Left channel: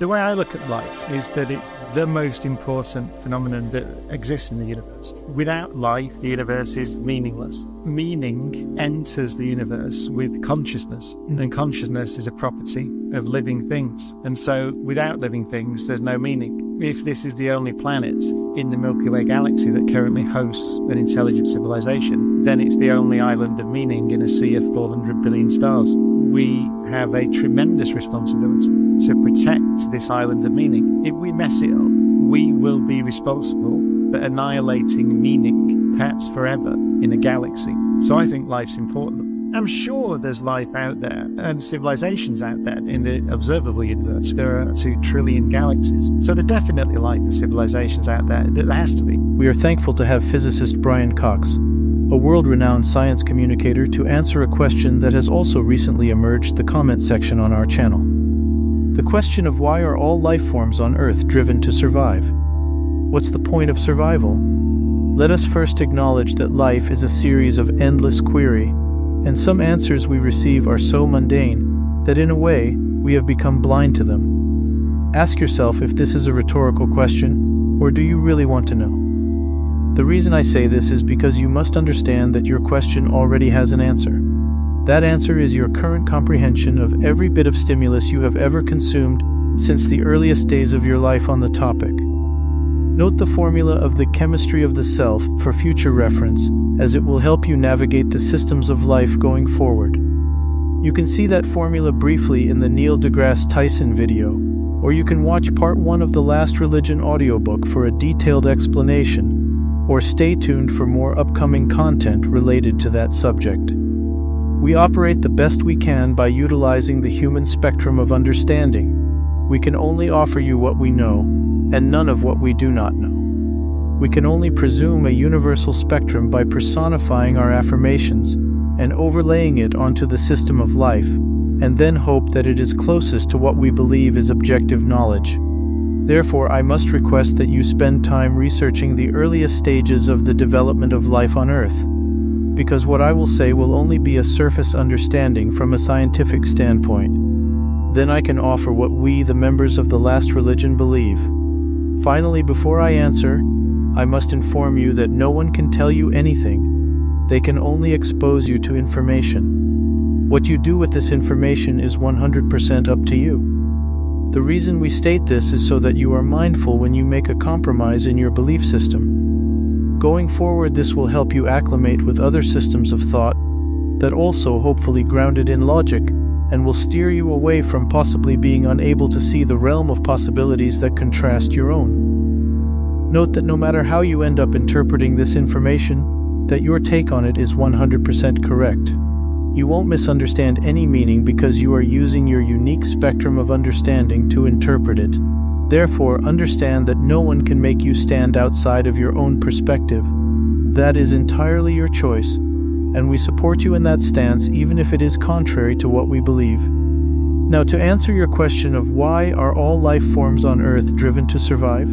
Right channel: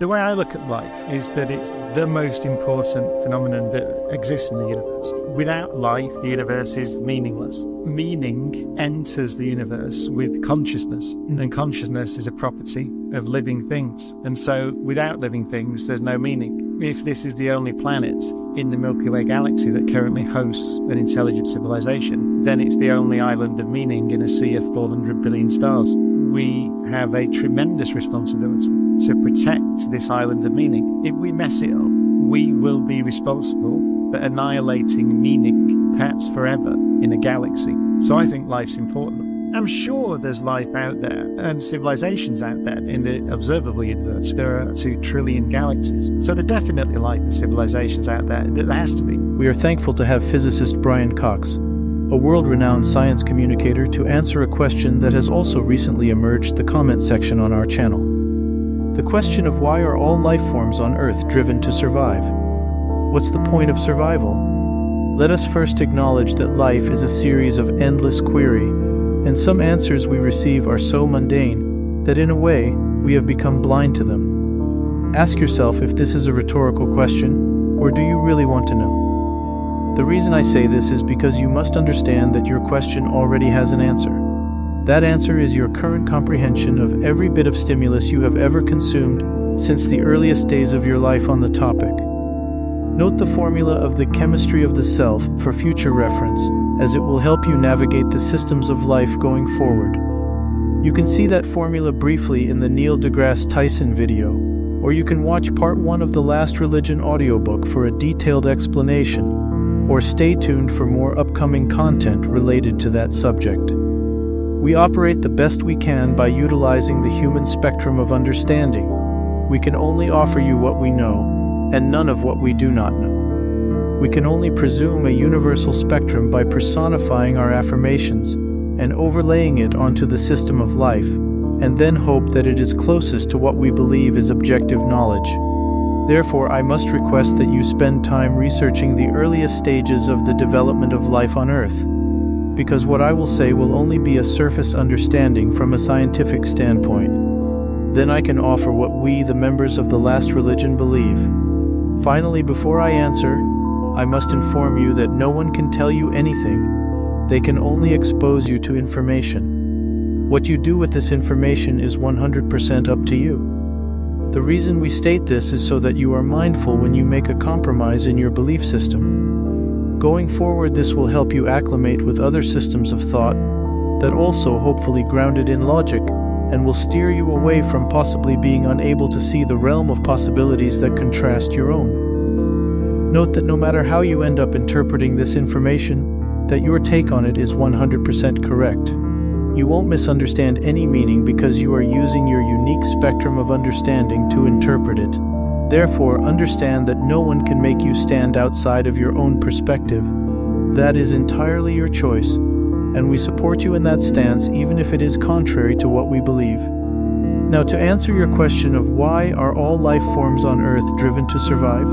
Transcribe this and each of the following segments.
The way I look at life is that it's the most important phenomenon that exists in the universe. Without life, the universe is meaningless. Meaning enters the universe with consciousness, and consciousness is a property of living things. And so without living things, there's no meaning. If this is the only planet in the Milky Way galaxy that currently hosts an intelligent civilization, then it's the only island of meaning in a sea of 400 billion stars. We have a tremendous responsibility to protect this island of meaning. If we mess it up, we will be responsible for annihilating meaning, perhaps forever, in a galaxy. So I think life's important. I'm sure there's life out there and civilizations out there in the observable universe. There are 2 trillion galaxies. So there's definitely life and civilizations out there. There has to be. We are thankful to have physicist Brian Cox, a world-renowned science communicator, to answer a question that has also recently emerged the comment section on our channel. The question of why are all life forms on Earth driven to survive? What's the point of survival? Let us first acknowledge that life is a series of endless query, and some answers we receive are so mundane that in a way we have become blind to them. Ask yourself if this is a rhetorical question, or do you really want to know? The reason I say this is because you must understand that your question already has an answer. That answer is your current comprehension of every bit of stimulus you have ever consumed since the earliest days of your life on the topic. Note the formula of the chemistry of the self for future reference, as it will help you navigate the systems of life going forward. You can see that formula briefly in the Neil deGrasse Tyson video, or you can watch part 1 of the Last Religion audiobook for a detailed explanation, or stay tuned for more upcoming content related to that subject. We operate the best we can by utilizing the human spectrum of understanding. We can only offer you what we know, and none of what we do not know. We can only presume a universal spectrum by personifying our affirmations and overlaying it onto the system of life, and then hope that it is closest to what we believe is objective knowledge. Therefore, I must request that you spend time researching the earliest stages of the development of life on Earth, because what I will say will only be a surface understanding from a scientific standpoint. Then I can offer what we, the members of the Last Religion, believe. Finally, before I answer, I must inform you that no one can tell you anything. They can only expose you to information. What you do with this information is 100% up to you. The reason we state this is so that you are mindful when you make a compromise in your belief system. Going forward, this will help you acclimate with other systems of thought that also hopefully grounded in logic, and will steer you away from possibly being unable to see the realm of possibilities that contrast your own. Note that no matter how you end up interpreting this information, that your take on it is 100% correct. You won't misunderstand any meaning because you are using your unique spectrum of understanding to interpret it. Therefore, understand that no one can make you stand outside of your own perspective. That is entirely your choice, and we support you in that stance even if it is contrary to what we believe. Now, to answer your question of why are all life forms on Earth driven to survive?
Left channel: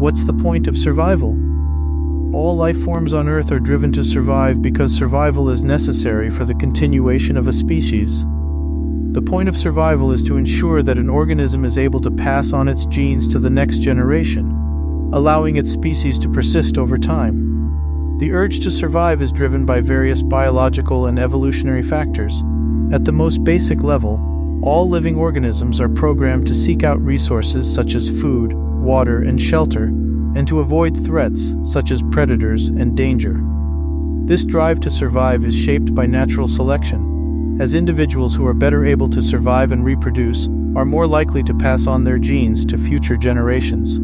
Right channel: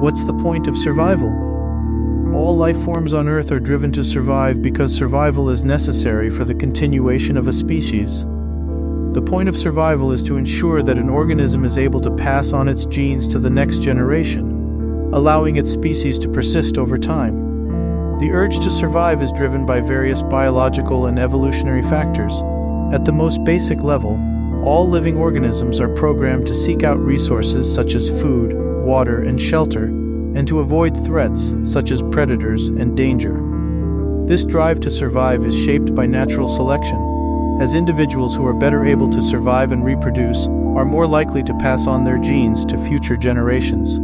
What's the point of survival? All life forms on Earth are driven to survive because survival is necessary for the continuation of a species. The point of survival is to ensure that an organism is able to pass on its genes to the next generation, allowing its species to persist over time. The urge to survive is driven by various biological and evolutionary factors. At the most basic level, all living organisms are programmed to seek out resources such as food, water, and shelter, and to avoid threats such as predators and danger. This drive to survive is shaped by natural selection, as individuals who are better able to survive and reproduce are more likely to pass on their genes to future generations.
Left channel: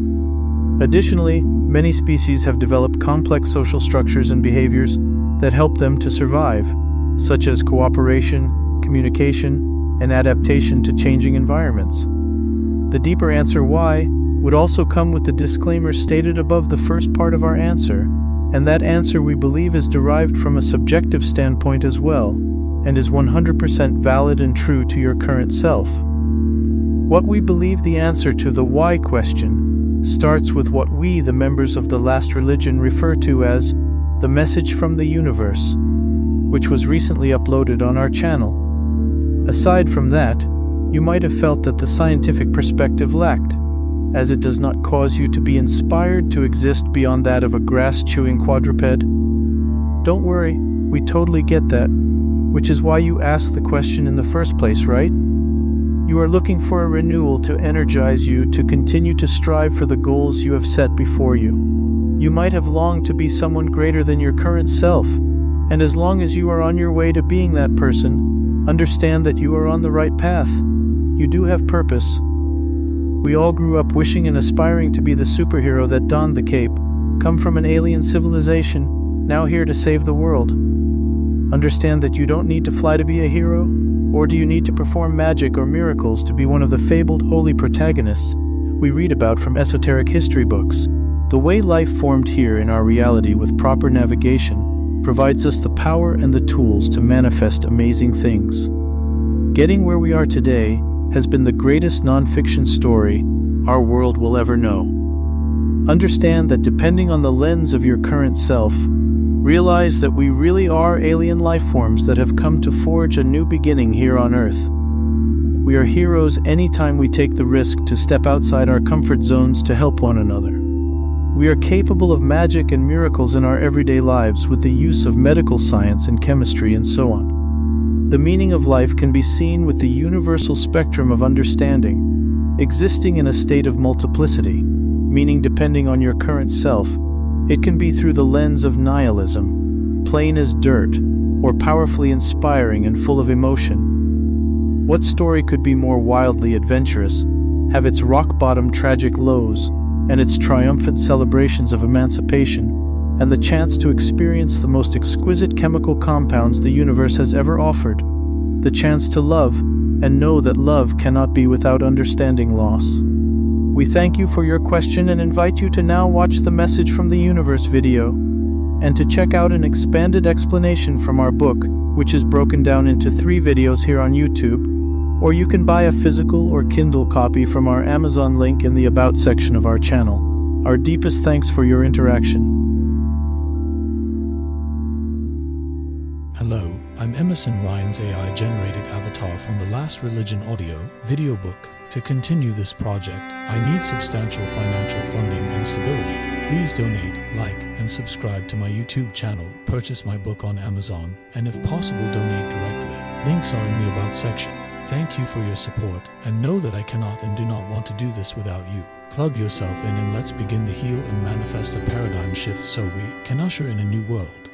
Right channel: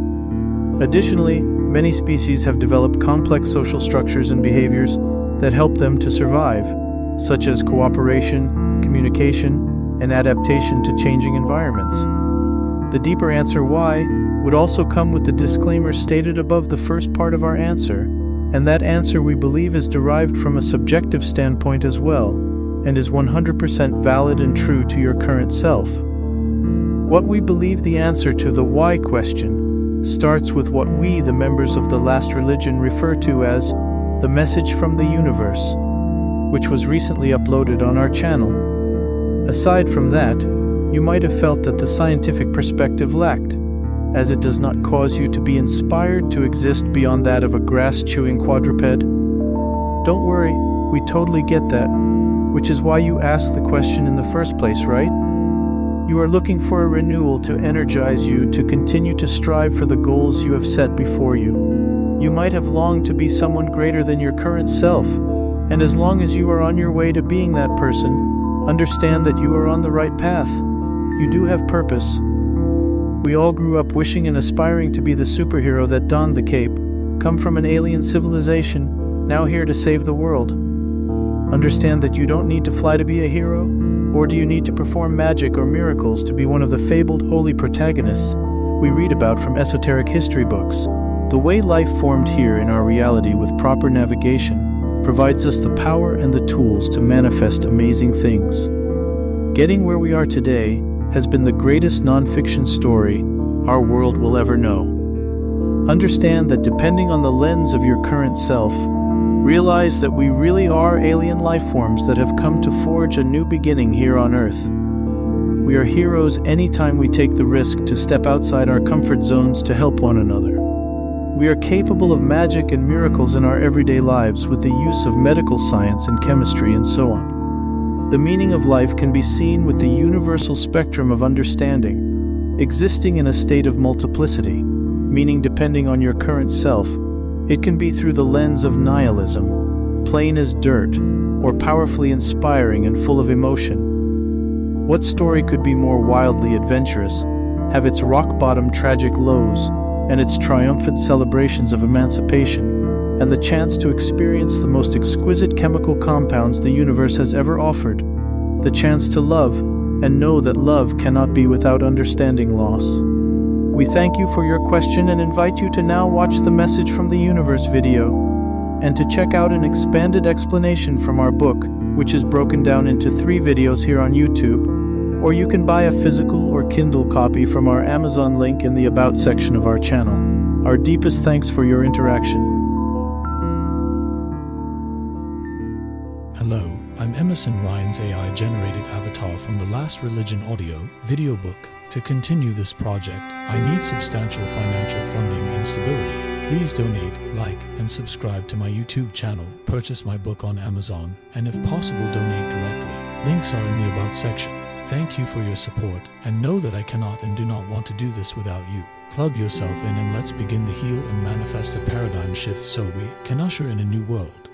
Additionally, many species have developed complex social structures and behaviors that help them to survive, such as cooperation, communication, and adaptation to changing environments. The deeper answer why would also come with the disclaimer stated above the first part of our answer, and that answer we believe is derived from a subjective standpoint as well, and is 100% valid and true to your current self. What we believe the answer to the why question starts with what we, the members of the Last Religion, refer to as the message from the universe, which was recently uploaded on our channel. Aside from that, you might have felt that the scientific perspective lacked, as it does not cause you to be inspired to exist beyond that of a grass-chewing quadruped. Don't worry, we totally get that, which is why you asked the question in the first place, right? You are looking for a renewal to energize you to continue to strive for the goals you have set before you. You might have longed to be someone greater than your current self, and as long as you are on your way to being that person, understand that you are on the right path. You do have purpose. We all grew up wishing and aspiring to be the superhero that donned the cape, come from an alien civilization, now here to save the world. Understand that you don't need to fly to be a hero, or do you need to perform magic or miracles to be one of the fabled holy protagonists we read about from esoteric history books. The way life formed here in our reality with proper navigation provides us the power and the tools to manifest amazing things. Getting where we are today has been the greatest non-fiction story our world will ever know. Understand that depending on the lens of your current self, realize that we really are alien life forms that have come to forge a new beginning here on Earth. We are heroes anytime we take the risk to step outside our comfort zones to help one another. We are capable of magic and miracles in our everyday lives with the use of medical science and chemistry and so on. The meaning of life can be seen with the universal spectrum of understanding, existing in a state of multiplicity, meaning depending on your current self, it can be through the lens of nihilism, plain as dirt, or powerfully inspiring and full of emotion. What story could be more wildly adventurous, have its rock-bottom tragic lows, and its triumphant celebrations of emancipation, and the chance to experience the most exquisite chemical compounds the universe has ever offered, the chance to love, and know that love cannot be without understanding loss. We thank you for your question and invite you to now watch the Message from the Universe video, and to check out an expanded explanation from our book, which is broken down into 3 videos here on YouTube, or you can buy a physical or Kindle copy from our Amazon link in the About section of our channel. Our deepest thanks for your interaction. Hello, I'm Emerson Ryan's AI-generated avatar from the Last Religion audio video book. To continue this project, I need substantial financial funding and stability. Please donate, like, and subscribe to my YouTube channel, purchase my book on Amazon, and if possible donate directly. Links are in the About section. Thank you for your support, and know that I cannot and do not want to do this without you. Plug yourself in and let's begin the heal and manifest a paradigm shift so we can usher in a new world.